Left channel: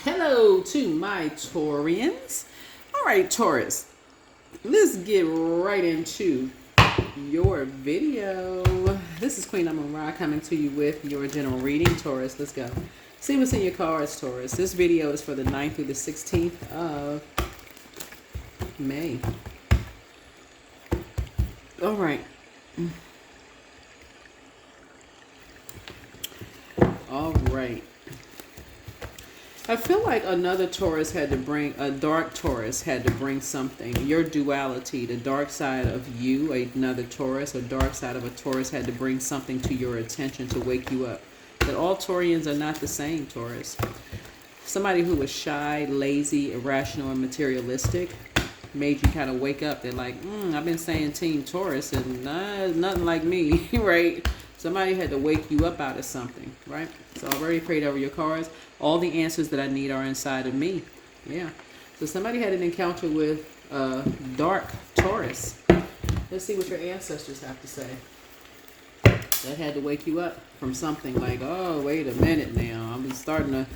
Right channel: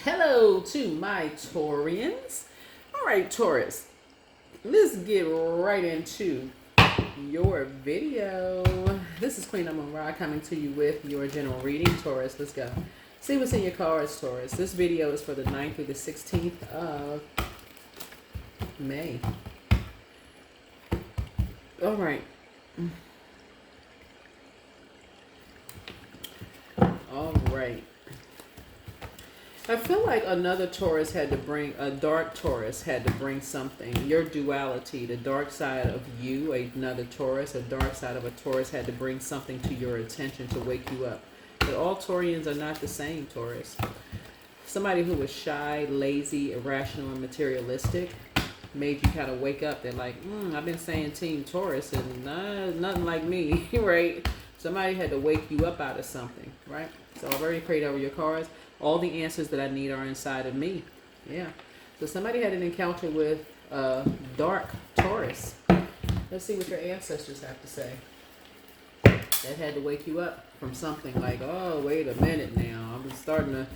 Hello to my Taurians. All right, Taurus, let's get right into your video. This is Queen Amun Ra coming to you with your general reading, Taurus. Let's go. See what's in your cards, Taurus. This video is for the 9th through the 16th of May. All right. All right. I feel like another Taurus had to bring, a dark Taurus had to bring something. Your duality, the dark side of you, another Taurus, a dark side of a Taurus had to bring something to your attention to wake you up. That all Taurians are not the same, Taurus. Somebody who was shy, lazy, irrational, and materialistic made you kind of wake up. They're like, I've been saying Team Taurus and nothing like me, right? Somebody had to wake you up out of something, right? So I've already prayed over your cards. All the answers that I need are inside of me. Yeah. So somebody had an encounter with dark Taurus. Let's see what your ancestors have to say. That had to wake you up from something like, oh, wait a minute now. I'm starting to,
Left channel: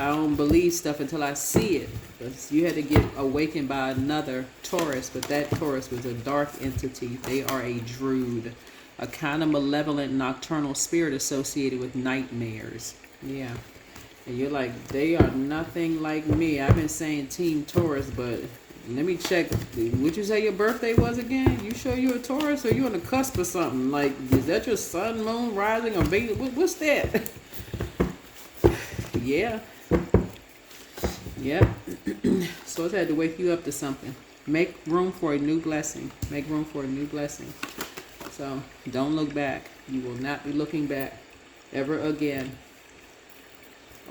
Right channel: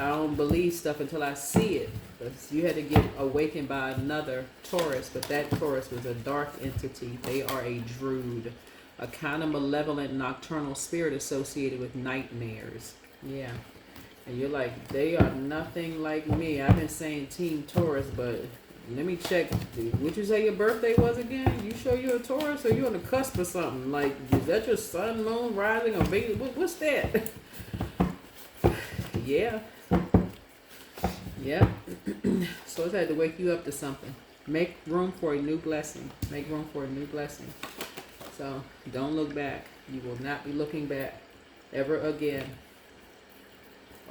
I don't believe stuff until I see it. Because you had to get awakened by another Taurus, but that Taurus was a dark entity. They are a Druid, a kind of malevolent nocturnal spirit associated with nightmares. Yeah. And you're like, they are nothing like me. I've been saying Team Taurus, but let me check. Would you say your birthday was again? You sure you're a Taurus or you on the cusp of something? Like, is that your sun, moon, rising, or Venus? What's that? Yeah. Yeah. So it's had to wake you up to something. Make room for a new blessing. Make room for a new blessing. So don't look back. You will not be looking back ever again.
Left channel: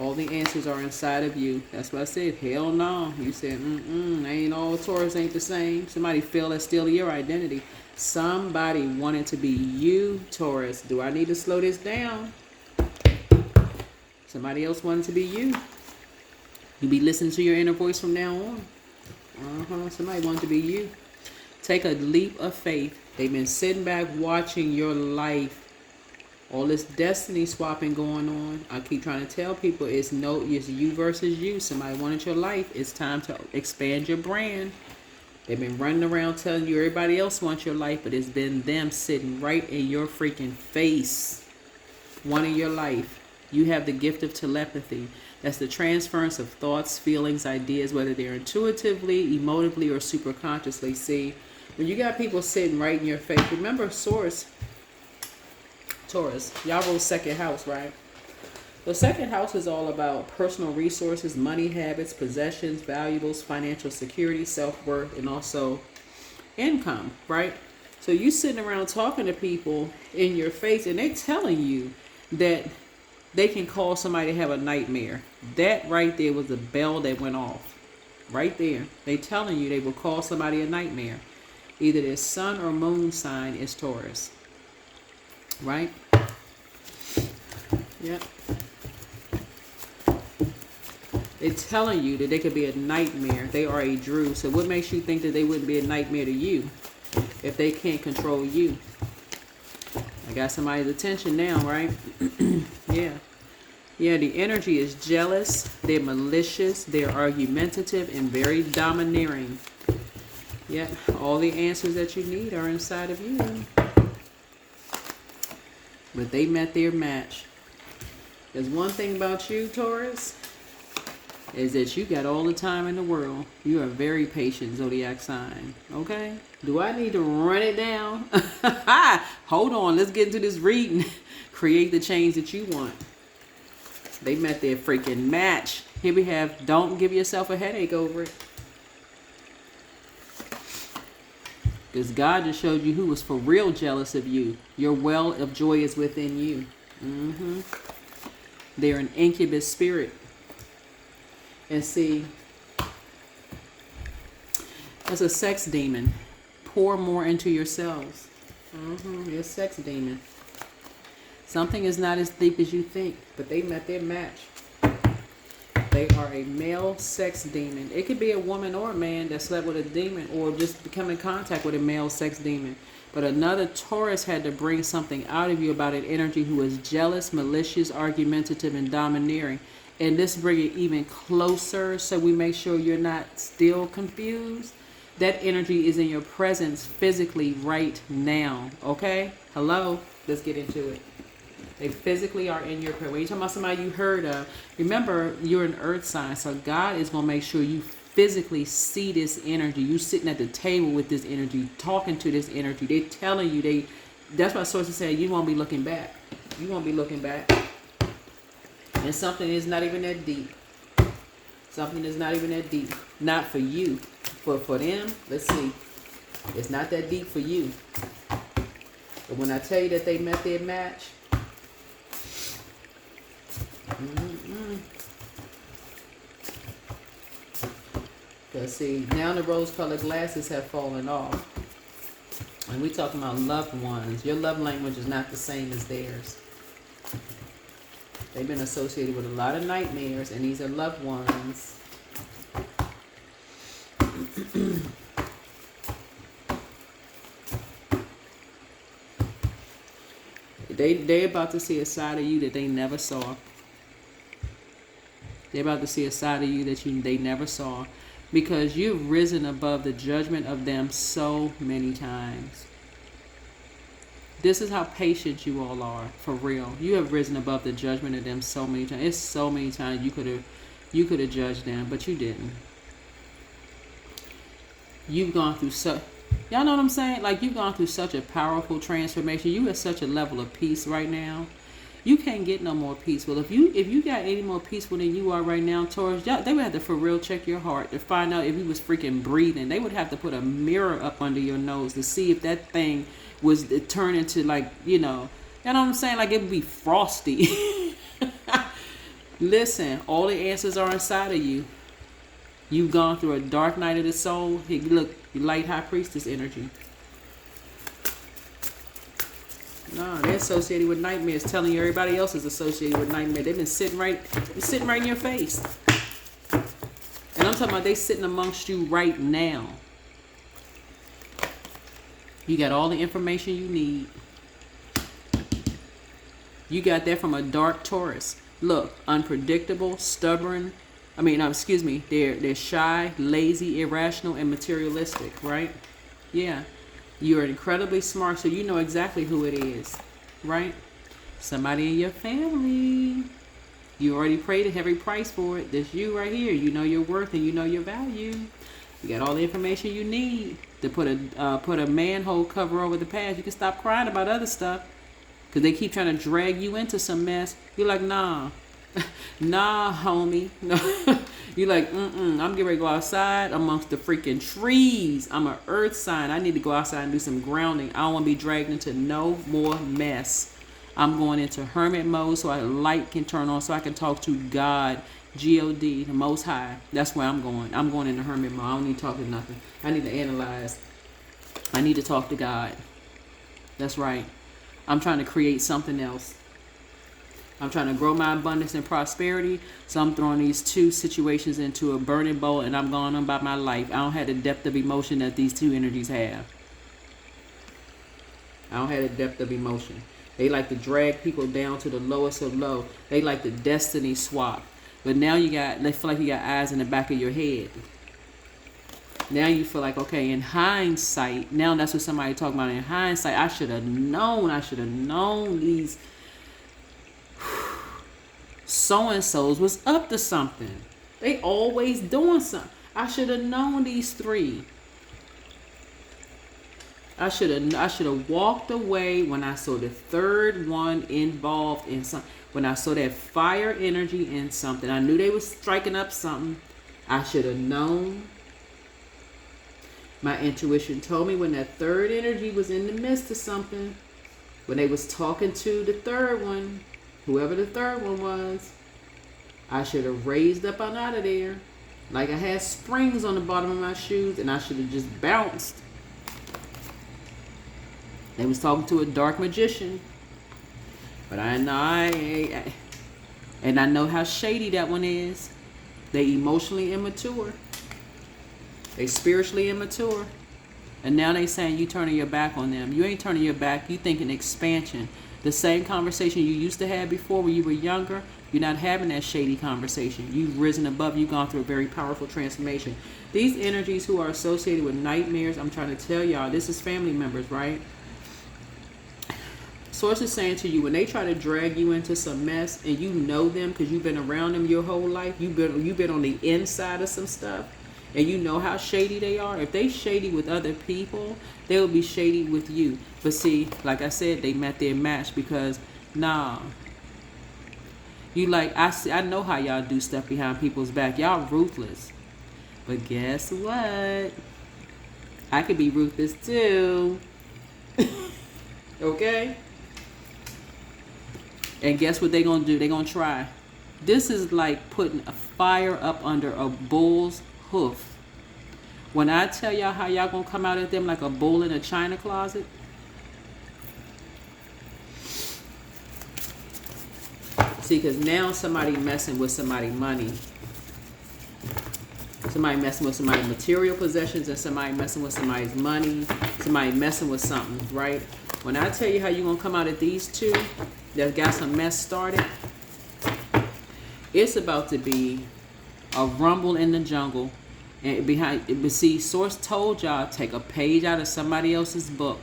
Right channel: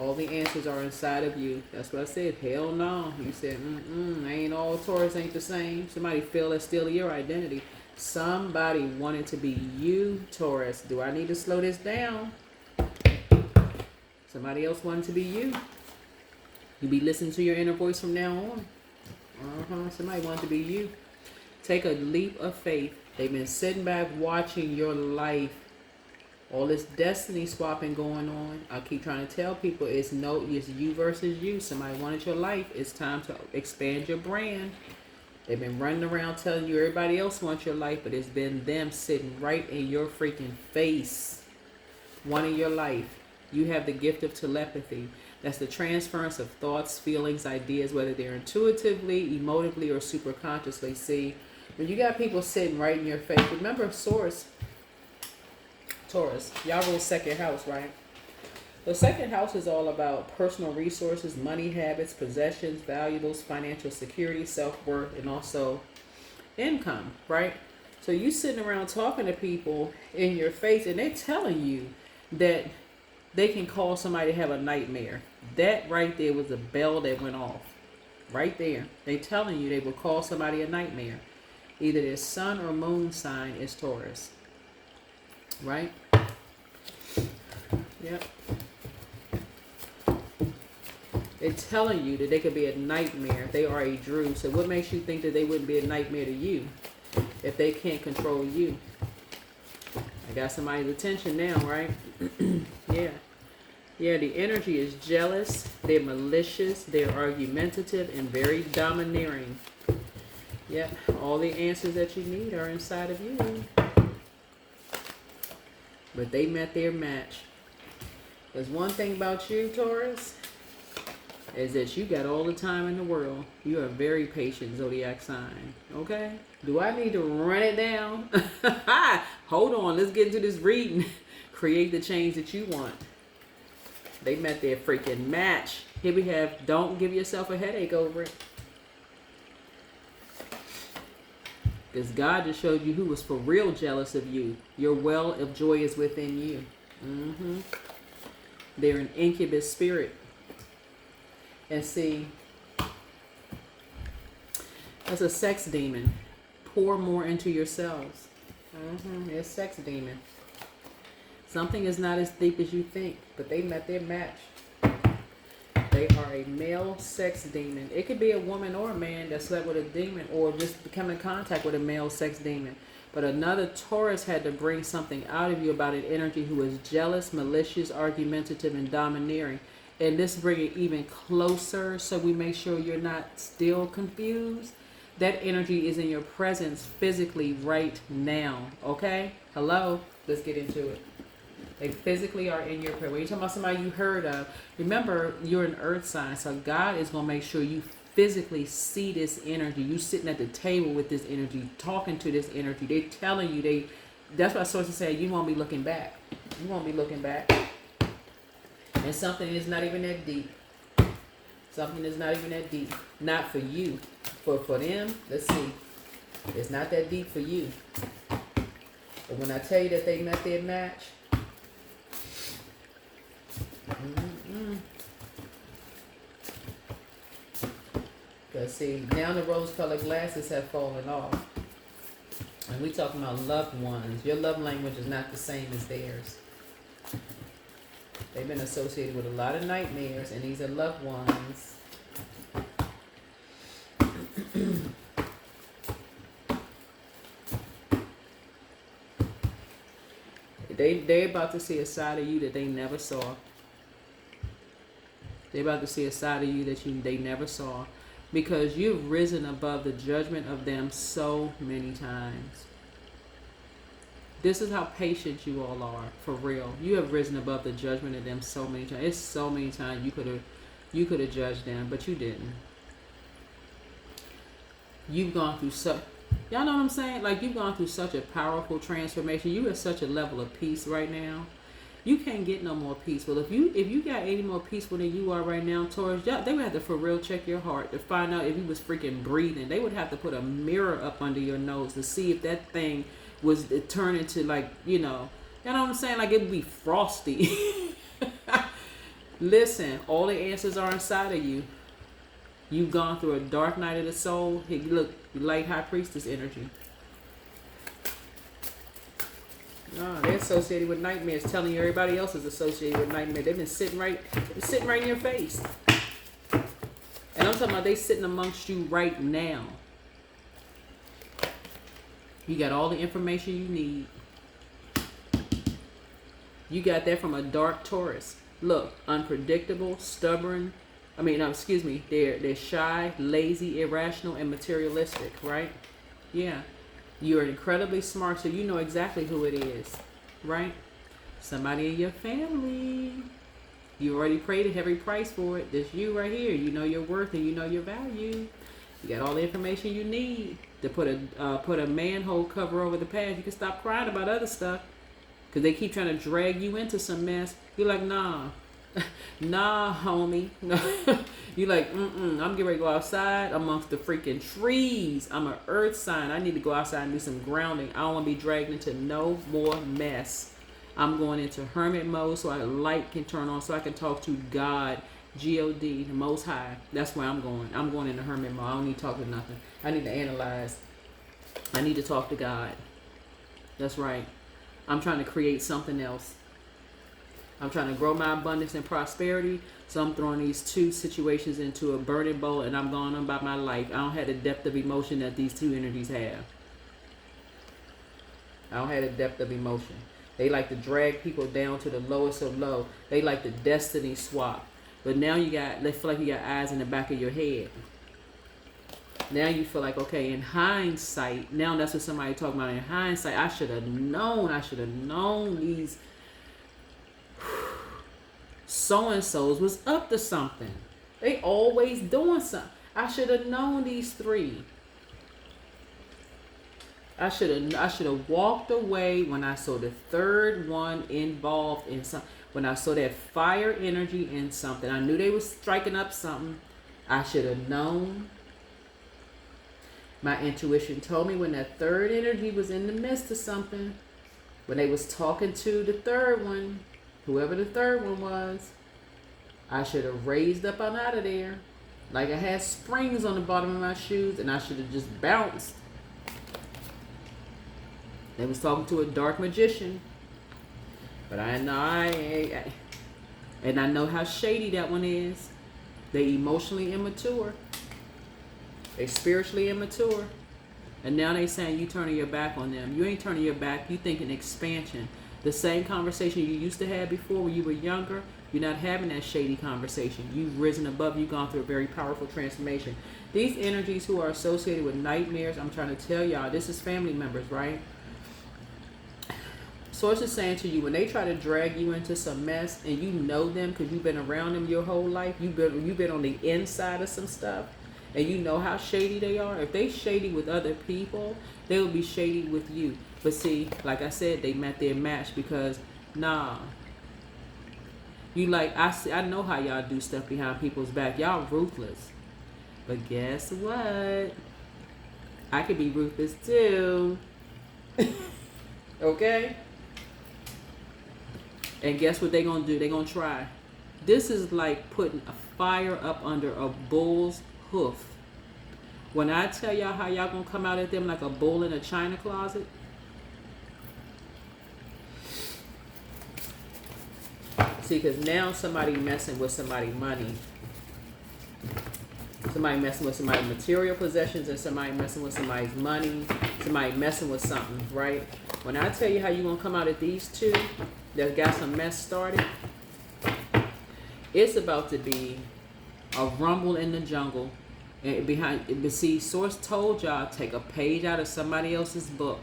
All the answers are inside of you. That's what I said. Hell no. You said, ain't all Taurus ain't the same. Somebody feel that's still your identity. Somebody wanted to be you, Taurus. Do I need to slow this down? Somebody else wanted to be you. You be listening to your inner voice from now on. Somebody wanted to be you. Take a leap of faith. They've been sitting back watching your life. All this destiny swapping going on. I keep trying to tell people it's you versus you. Somebody wanted your life. It's time to expand your brand. They've been running around telling you everybody else wants your life, but it's been them sitting right in your freaking face wanting your life. You have the gift of telepathy. That's the transference of thoughts, feelings, ideas, whether they're intuitively, emotively, or superconsciously. See, when you got people sitting right in your face, remember Taurus, y'all rule second house, right? The second house is all about personal resources, money habits, possessions, valuables, financial security, self-worth, and also income, right? So you sitting around talking to people in your face and they're telling you that they can cause somebody to have a nightmare. That right there was a bell that went off. Right there. They telling you they will cause somebody a nightmare. Either their sun or moon sign is Taurus. Right? Yep. They're telling you that they could be a nightmare. They are a Druid. So what makes you think that they wouldn't be a nightmare to you if they can't control you? I got somebody's attention now, right? Yeah. Yeah, the energy is jealous. They're malicious. They're argumentative and very domineering. Yeah, all the answers that you need are inside of you. But they met their match. There's one thing about you, Taurus, is that you got all the time in the world. You are a very patient zodiac sign. Okay? Do I need to run it down? Hold on. Let's get into this reading. Create the change that you want. They met their freaking match. Here we have, don't give yourself a headache over it. Because God just showed you who was for real jealous of you. Your well of joy is within you. They're an incubus spirit. And see, it's a sex demon. Pour more into yourselves. It's a sex demon. Something is not as deep as you think, but they met their match. They are a male sex demon. It could be a woman or a man that slept with a demon or just become in contact with a male sex demon. But another Taurus had to bring something out of you about an energy who is jealous, malicious, argumentative, and domineering. and let's bring it even closer so we make sure you're not still confused. That energy is in your presence physically right now. Okay? Hello? Let's get into it. They physically are in your presence. When you're talking about somebody you heard of, remember you're an earth sign, so God is going to make sure you physically see this energy. You sitting at the table with this energy, talking to this energy. They telling you, that's why sources say you won't be looking back. You won't be looking back. And something is not even that deep. Something is not even that deep. Not for you. But for them, let's see. It's not that deep for you. But when I tell you that they met their match, because see, now the rose-colored glasses have fallen off. And we talking about loved ones. Your love language is not the same as theirs. They've been associated with a lot of nightmares, and these are loved ones. They're about to see a side of you that they never saw. They're about to see a side of you that they never saw. Because you've risen above the judgment of them so many times. This is how patient you all are, for real. You have risen above the judgment of them so many times. It's so many times you could have judged them, but you didn't. You've gone through y'all know what I'm saying? Like, you've gone through such a powerful transformation. You at such a level of peace right now. You can't get no more peaceful. If you got any more peaceful than you are right now, Taurus, they would have to for real check your heart to find out if you was freaking breathing. They would have to put a mirror up under your nose to see if that thing was turned into, like, you know what I'm saying? Like, it would be frosty. Listen, all the answers are inside of you. You've gone through a dark night of the soul. Hey, look, you light high priestess energy. No, they're associated with nightmares, telling you everybody else is associated with nightmares. They've been sitting right in your face. And I'm talking about they sitting amongst you right now. You got all the information you need. You got that from a dark Taurus. Look, unpredictable, stubborn. They're shy, lazy, irrational, and materialistic, right? Yeah. You're incredibly smart, so you know exactly who it is, right? Somebody in your family. You already paid a heavy price for it. This you right here. You know your worth and you know your value. You got all the information you need to put a manhole cover over the past. You can stop crying about other stuff because they keep trying to drag you into some mess. You're like, nah. Nah, homie. No. You're like, I'm getting ready to go outside amongst the freaking trees. I'm an earth sign. I need to go outside and do some grounding. I don't want to be dragged into no more mess. I'm going into hermit mode so the light can turn on so I can talk to God, G-O-D, the Most High. That's where I'm going. I'm going into hermit mode. I don't need to talk to nothing. I need to analyze. I need to talk to God. That's right. I'm trying to create something else. I'm trying to grow my abundance and prosperity, so I'm throwing these two situations into a burning bowl, and I'm going on about my life. I don't have the depth of emotion that these two energies have. I don't have the depth of emotion. They like to drag people down to the lowest of low. They like the destiny swap. But now they feel like you got eyes in the back of your head. Now you feel like, okay, in hindsight, now that's what somebody talking about. In hindsight, I should have known these so-and-sos was up to something. They always doing something. I should have known these three. I should have walked away when I saw the third one involved in something. When I saw that fire energy in something. I knew they was striking up something. I should have known. My intuition told me when that third energy was in the midst of something. When they was talking to the third one. Whoever the third one was, I should have raised up and out of there. Like I had springs on the bottom of my shoes and I should have just bounced. They was talking to a dark magician. But I know and I know how shady that one is. They emotionally immature. They spiritually immature. And now they saying you turning your back on them. You ain't turning your back. You thinking expansion. The same conversation you used to have before when you were younger, You're not having that shady conversation. You've risen above. You've gone through a very powerful transformation. These energies who are associated with nightmares, I'm trying to tell y'all, this is family members, right? Source is saying to you, when they try to drag you into some mess and you know them because you've been around them your whole life, you've been on the inside of some stuff, and you know how shady they are. If they shady with other people, they will be shady with you. But see, like I said, they met their match because, nah. You like, I know how y'all do stuff behind people's back. Y'all ruthless. But guess what? I could be ruthless too. Okay? And guess what they gonna do? They gonna try. This is like putting a fire up under a bull's hoof. When I tell y'all how y'all gonna come out at them like a bull in a china closet. See, because now somebody messing with somebody's money. Somebody messing with somebody's material possessions, and somebody messing with somebody's money. Somebody messing with something, right? When I tell you how you gonna come out at these two that got some mess started, it's about to be a rumble in the jungle. And but see, Source told y'all, take a page out of somebody else's book.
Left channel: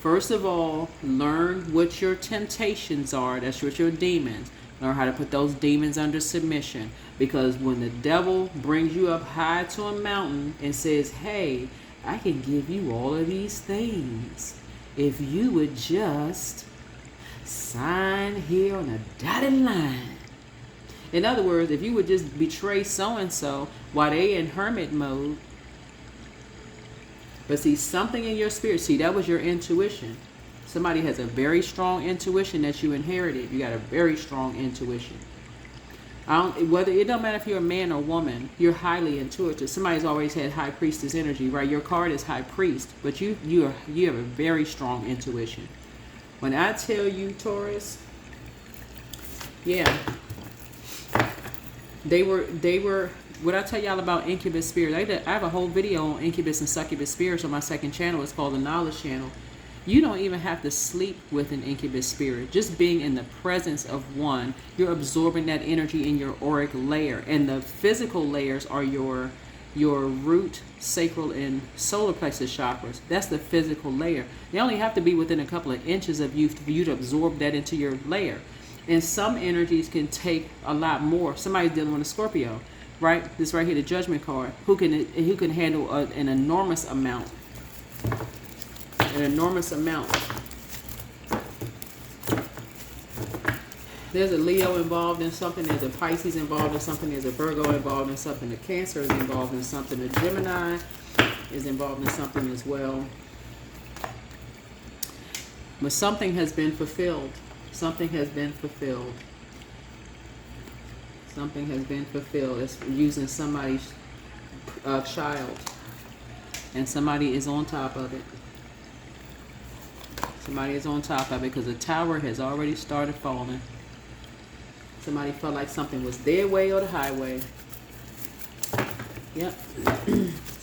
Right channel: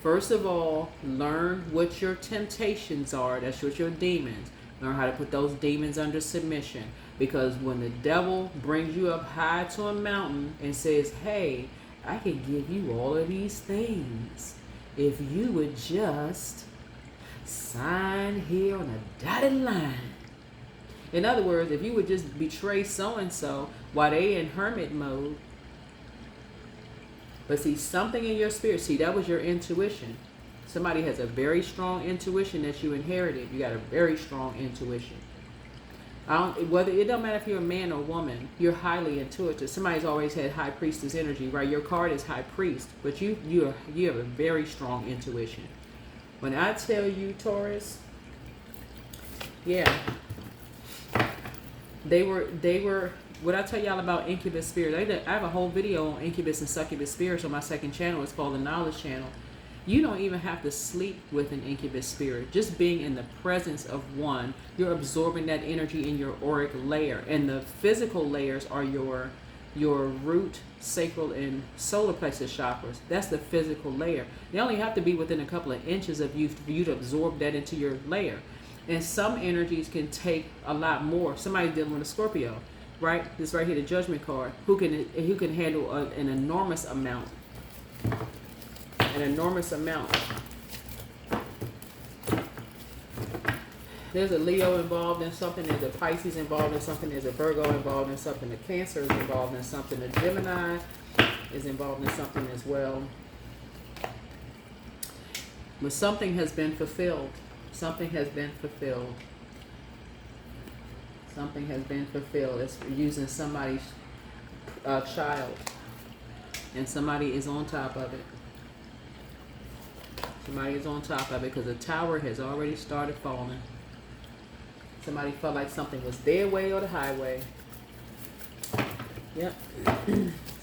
First of all, learn what your temptations are. That's what your demons. Learn how to put those demons under submission. Because when the devil brings you up high to a mountain and says, hey, I can give you all of these things if you would just sign here on a dotted line. In other words, if you would just betray so-and-so while they in hermit mode. But see, something in your spirit, see, that was your intuition. Somebody has a very strong intuition that you inherited. You got a very strong intuition. It don't matter if you're a man or woman, you're highly intuitive. Somebody's always had high priestess energy, right? Your card is high priest, but you have a very strong intuition. When I tell you, Taurus, yeah, they were. What I tell y'all about incubus spirits, I have a whole video on incubus and succubus spirits on my second channel. It's called the Knowledge Channel. You don't even have to sleep with an incubus spirit. Just being in the presence of one, you're absorbing that energy in your auric layer. And the physical layers are your root, sacral, and solar plexus chakras. That's the physical layer. They only have to be within a couple of inches of you for you to absorb that into your layer. And some energies can take a lot more. Somebody's dealing with a Scorpio, right? This right here, the Judgment card. Who can handle an enormous amount. An enormous amount. There's a Leo involved in something. There's a Pisces involved in something. There's a Virgo involved in something. The Cancer is involved in something. The Gemini is involved in something as well. But something has been fulfilled. Something has been fulfilled. Something has been fulfilled. It's using somebody's child. And somebody is on top of it. Somebody is on top of it because the tower has already started falling. Somebody felt like something was their way or the highway. Yep.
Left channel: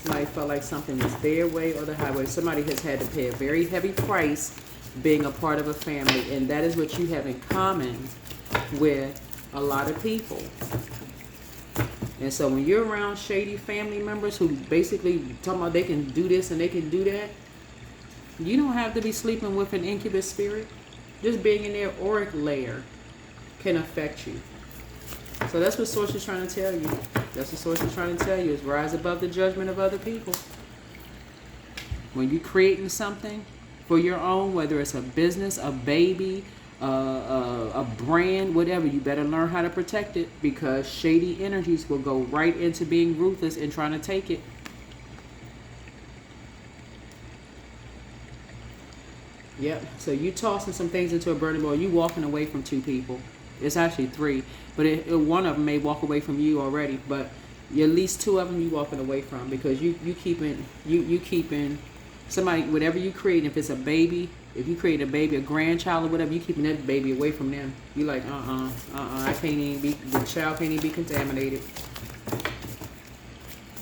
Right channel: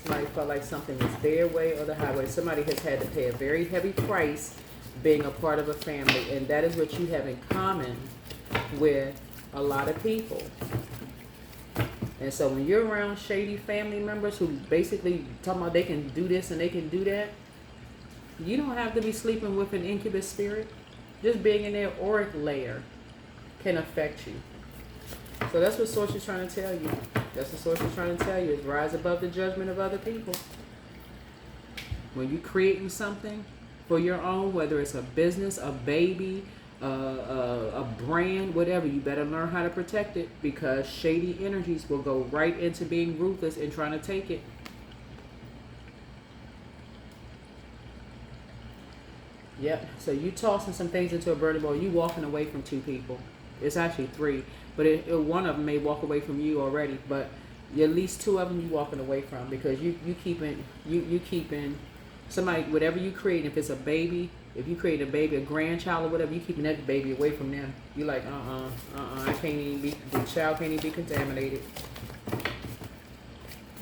Somebody felt like something was their way or the highway. Somebody has had to pay a very heavy price being a part of a family. And that is what you have in common with a lot of people. And so when you're around shady family members who basically talking about they can do this and they can do that, you don't have to be sleeping with an incubus spirit. Just being in their auric layer can affect you. So that's what Source is trying to tell you. That's what Source is trying to tell you, is rise above the judgment of other people. When you're creating something for your own, whether it's a business, a baby, a brand, whatever, you better learn how to protect it, because shady energies will go right into being ruthless and trying to take it. Yep. So you tossing some things into a burning bowl. You walking away from two people. It's actually three, but one of them may walk away from you already. But at least two of them you walking away from, because you keeping somebody, whatever you create. If it's a baby, if you create a baby, a grandchild or whatever, you keeping that baby away from them. You like I can't even be, the child can't even be contaminated.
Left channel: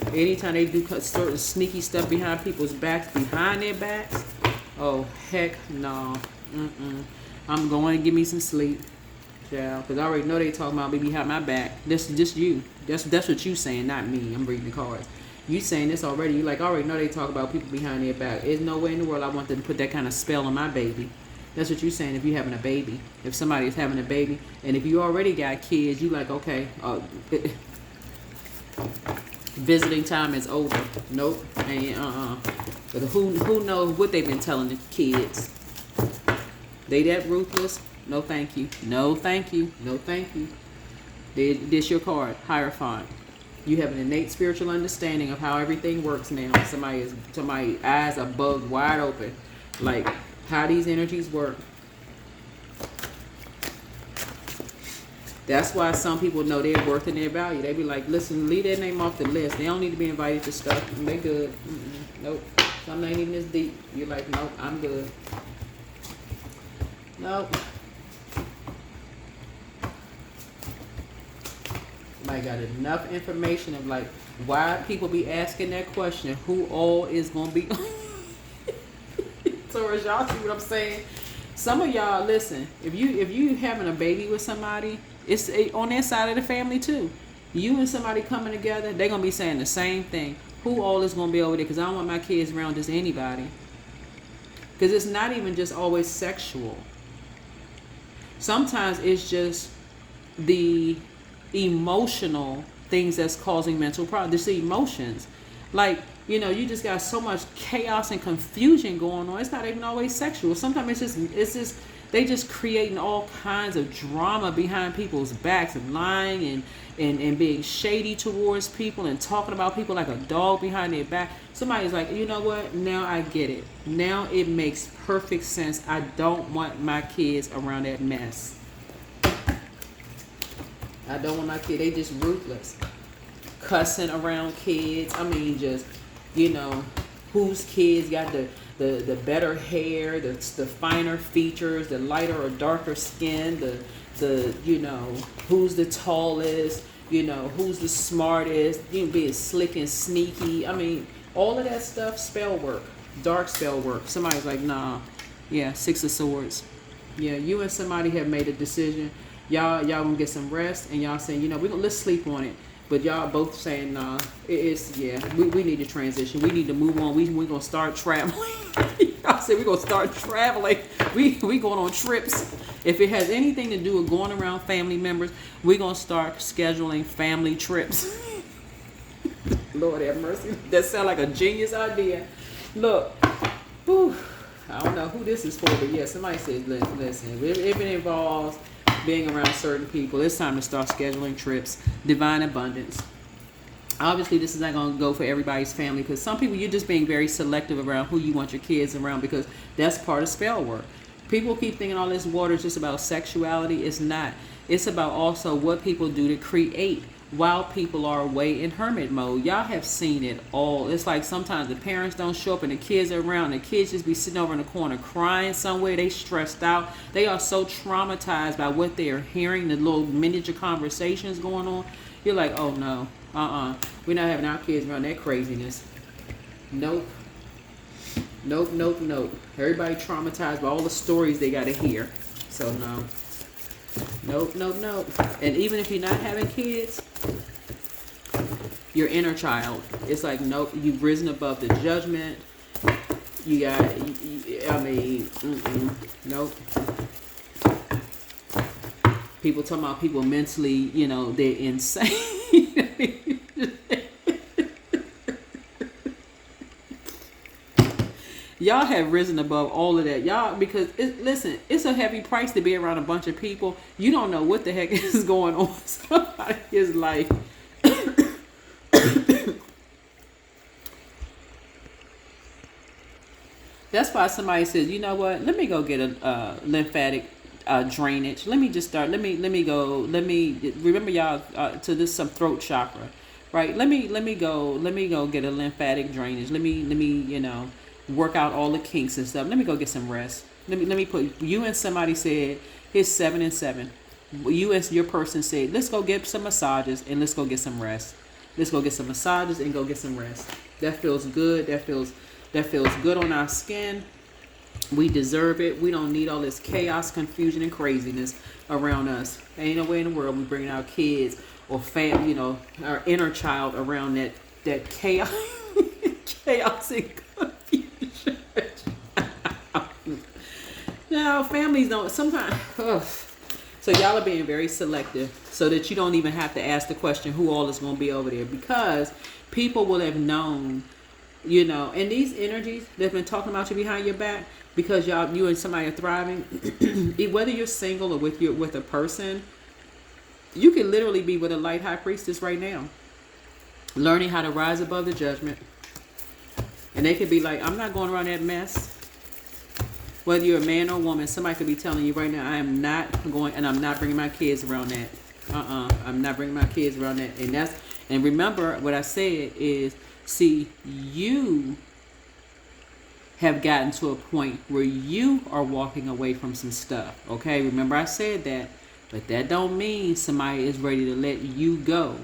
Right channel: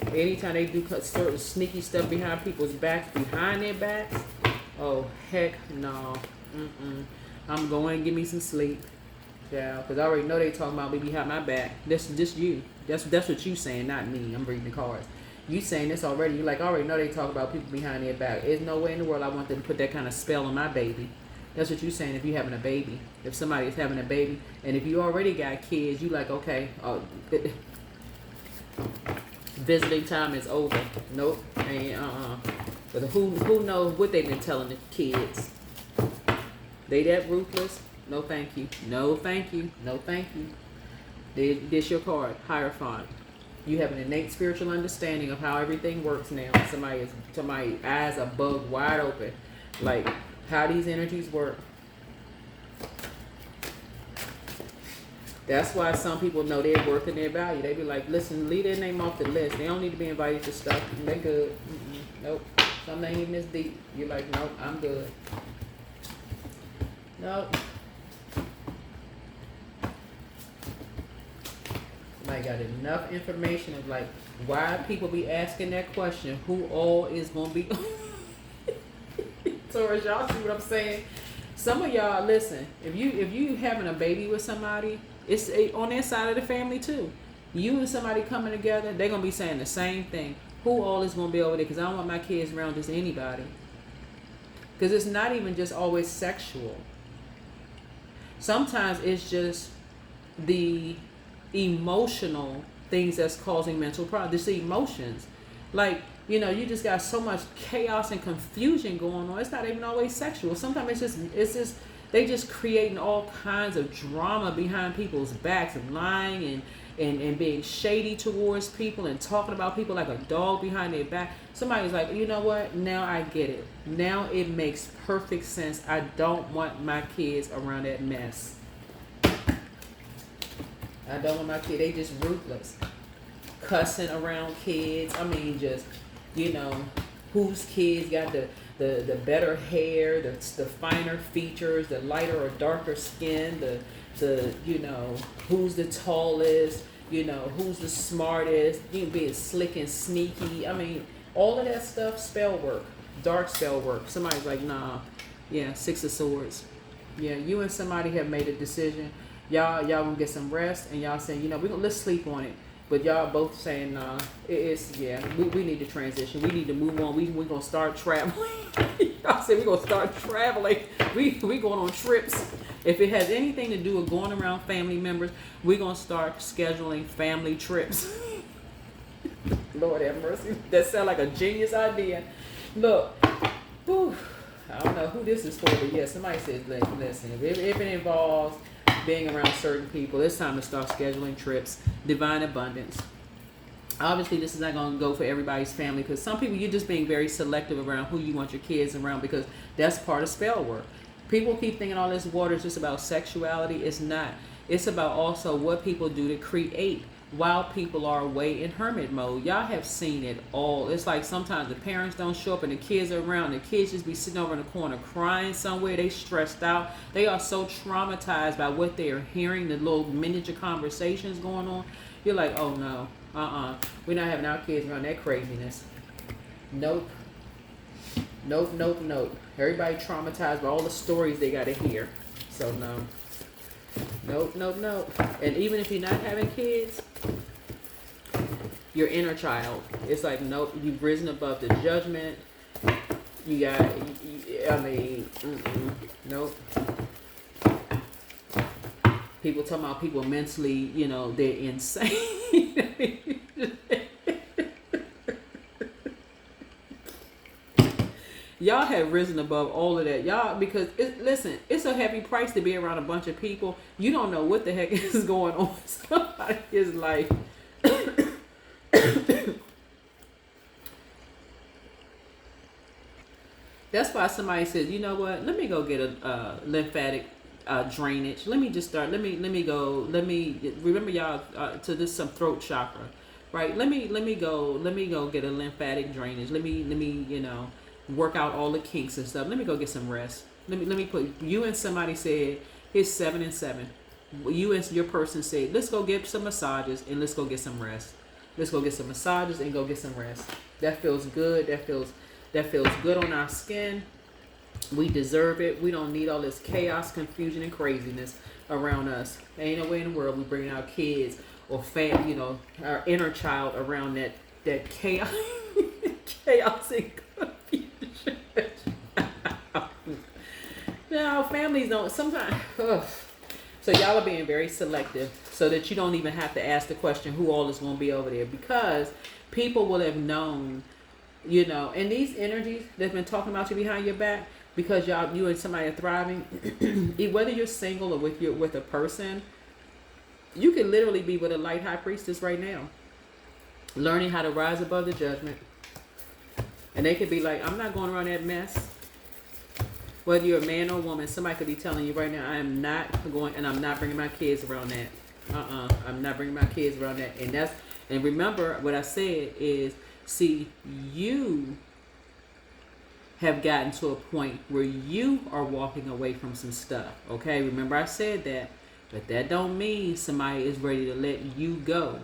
Anytime they do certain sneaky stuff behind people's backs, behind their backs. Oh, heck no. I'm going to give me some sleep. Yeah, because I already know they talking about me behind my back. That's just you. That's what you saying, not me. I'm reading the cards. You saying this already. You like, I already know they talk about people behind their back. There's no way in the world I want them to put that kind of spell on my baby. That's what you saying if you having a baby. If somebody is having a baby, and if you already got kids, you like, okay, visiting time is over. Nope. And But who knows what they've been telling the kids? They that ruthless? No thank you. No thank you. No thank you. This your card, Hierophant. You have an innate spiritual understanding of how everything works now. Somebody's eyes are bugged wide open. Like how these energies work. That's why some people know their worth and their value. They be like, listen, leave their name off the list. They don't need to be invited to stuff. They good. Nope. Something ain't even this deep. You're like, nope, I'm good. Nope. I got enough information of like why people be asking that question. Who all is gonna be? Taurus, y'all see what I'm saying? Some of y'all listen. If you having a baby with somebody, it's on their side of the family too. You and somebody coming together, they're gonna be saying the same thing. Who all is gonna be over there? Because I don't want my kids around just anybody. Because it's not even just always sexual. Sometimes it's just the emotional things that's causing mental problems. It's the emotions. Like, you know, you just got so much chaos and confusion going on. It's not even always sexual. Sometimes it's just they just creating all kinds of drama behind people's backs and lying and being shady towards people and talking about people like a dog behind their back. Somebody's like, you know what? Now I get it. Now it makes perfect sense. I don't want my kids around that mess. I don't want my kids. They just ruthless. Cussing around kids. I mean, just, you know, whose kids got the better hair, the finer features, the lighter or darker skin, the you know, who's the tallest, you know, who's the smartest, you being slick and sneaky. I mean, all of that stuff, spell work, dark spell work. Somebody's like, nah, yeah, Six of Swords. Yeah, you and somebody have made a decision. Y'all gonna get some rest, and y'all saying, you know, let's sleep on it. But y'all both saying, nah, we need to transition. We need to move on. We're gonna start traveling. I said we're gonna start traveling. We going on trips. If it has anything to do with going around family members, we're gonna start scheduling family trips. Lord have mercy. That sounds like a genius idea. Look, whew, I don't know who this is for, but yeah, somebody says, listen, if it involves being around certain people, it's time to start scheduling trips. Divine abundance. Obviously, this is not going to go for everybody's family, because some people, you're just being very selective around who you want your kids around, because that's part of spell work. People keep thinking all this water is just about sexuality. It's not. It's about also what people do to create while people are away in hermit mode. Y'all have seen it all. It's like sometimes the parents don't show up and the kids are around. The kids just be sitting over in the corner crying somewhere. They stressed out. They are so traumatized by what they're hearing, the little miniature conversations going on. You're like, oh no, we're not having our kids around that craziness. Nope. Everybody traumatized by all the stories they got to hear. So no. Nope. And even if you're not having kids, your inner child, it's like, nope, you've risen above the judgment. You got, nope. People talking about people mentally, you know, they're insane. Y'all have risen above all of that. Y'all, because, listen, it's a heavy price to be around a bunch of people. You don't know what the heck is going on. Somebody is like, that's why somebody says, you know what, let me go get a lymphatic drainage. Let me just start. Let me remember y'all to this some throat chakra, right? Let me go get a lymphatic drainage. Let me, you know, work out all the kinks and stuff. Let me go get some rest. Let me put you and somebody said it's 7 and 7. You and your person said, let's go get some massages and let's go get some rest. Let's go get some massages and go get some rest. That feels good. That feels good on our skin. We deserve it. We don't need all this chaos, confusion, and craziness around us. Ain't no way in the world we bringing our kids or family, our inner child around that chaos, chaos and confusion. Now, families don't sometimes. Ugh. So y'all are being very selective, so that you don't even have to ask the question who all is going to be over there, because people will have known, and these energies that've been talking about you behind your back, because you and somebody are thriving. Whether you're single or with a person, you can literally be with a light high priestess right now, learning how to rise above the judgment, and they could be like, I'm not going around that mess. Whether you're a man or a woman, somebody could be telling you right now, I am not going, and I'm not bringing my kids around that. I'm not bringing my kids around that. And remember what I said is, see, you have gotten to a point where you are walking away from some stuff. Okay, remember I said that, but that don't mean somebody is ready to let you go,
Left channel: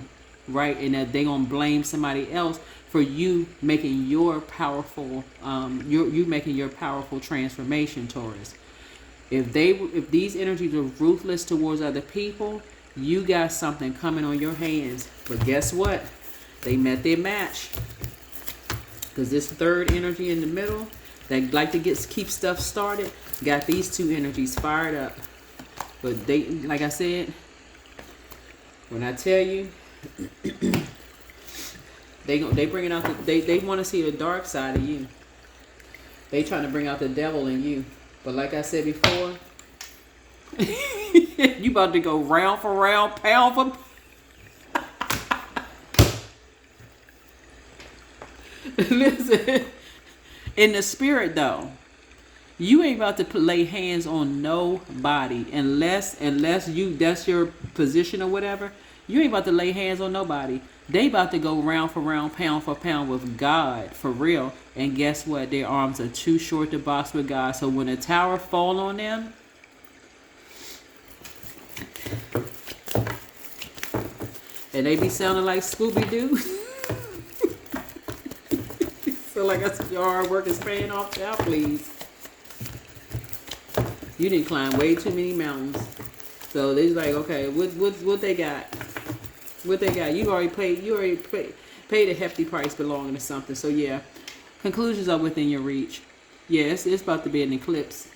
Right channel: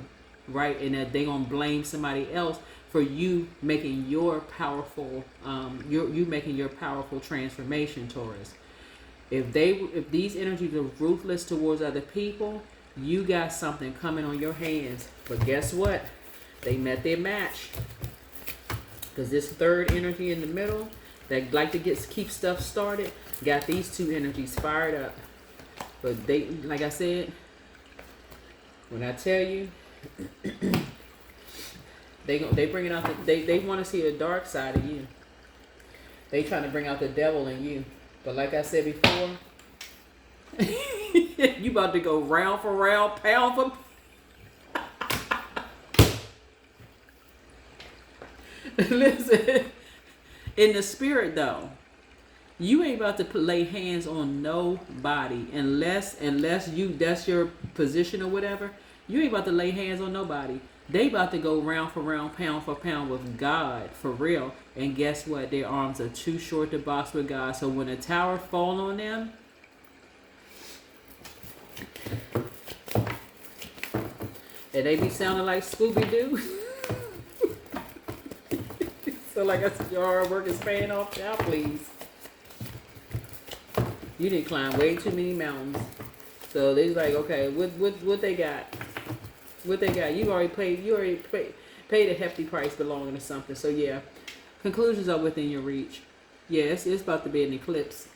right? And that they gonna blame somebody else for you making your powerful, you making your powerful transformation, Taurus. If these energies are ruthless towards other people, you got something coming on your hands. But guess what? They met their match. Because this third energy in the middle that like to keep stuff started got these two energies fired up. But they, like I said, when I tell you, they bringing out they want to see the dark side of you. They trying to bring out the devil in you. But like I said before, you about to go round for round, pound for listen, in the spirit though, you ain't about to lay hands on nobody unless you, that's your position or whatever. You ain't about to lay hands on nobody. They about to go round for round, pound for pound with God, for real. And guess what? Their arms are too short to box with God. So when a tower fall on them, and they be sounding like Scooby-Doo. So like I said, your hard work is paying off now, please. You didn't climb way too many mountains. So they like, okay, what they got? What they got? You already paid a hefty price belonging to something. So yeah, conclusions are within your reach. Yes, it's about to be an eclipse.